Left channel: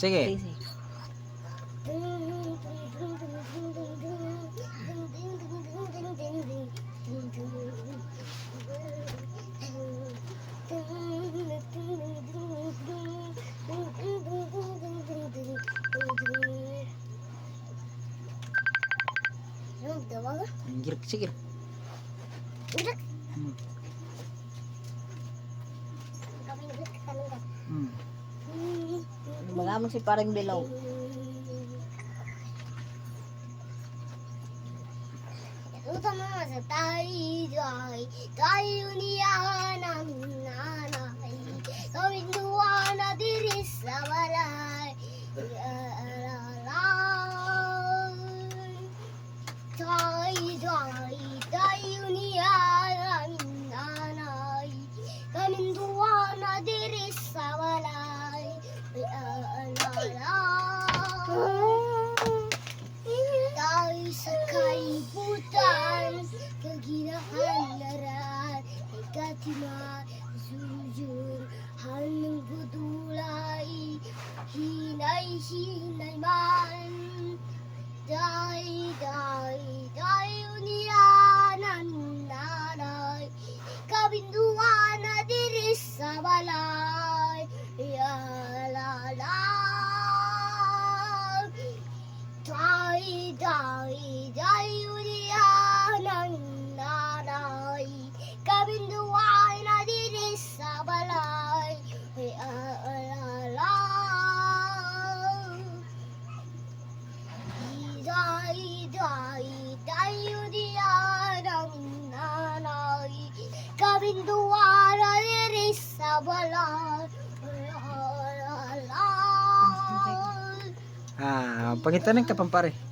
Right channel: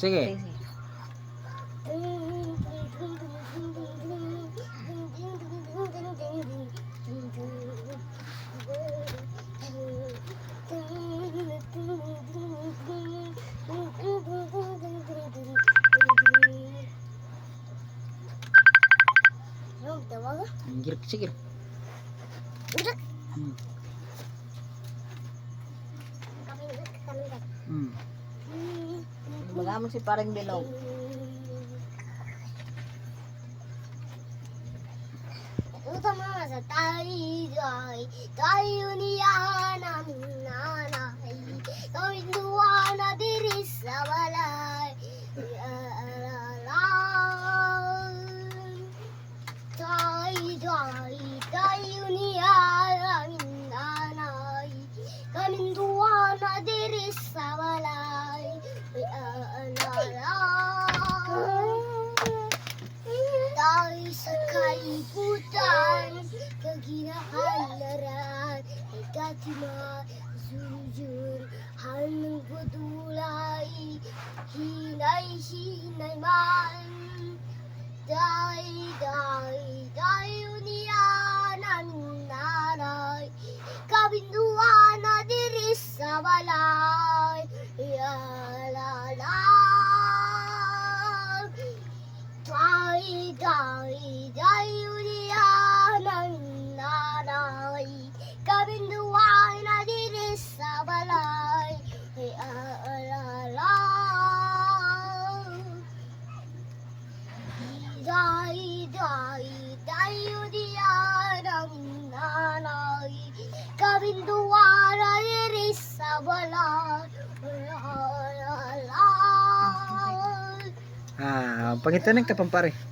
Sige. Girik, sige. Magamit si parang bilaw. Utama sa tayo niya namin nanay. Kawin duwa na diri sa balay. Tayo niya namin nanay. Kawin duwa na diri sa balay. Tayo sa kaibutan, kaginahanlaran, ay katima, sujur, hanong gudulay, hinay man. Tayo niya namin nanay, kabinduan na diri sa balay. Tayo niya namin nanay, kabinduan na diri sa balay. Tayo niya namin nanay, kabinduan na diri sa balay. Pangitanong ka pampare.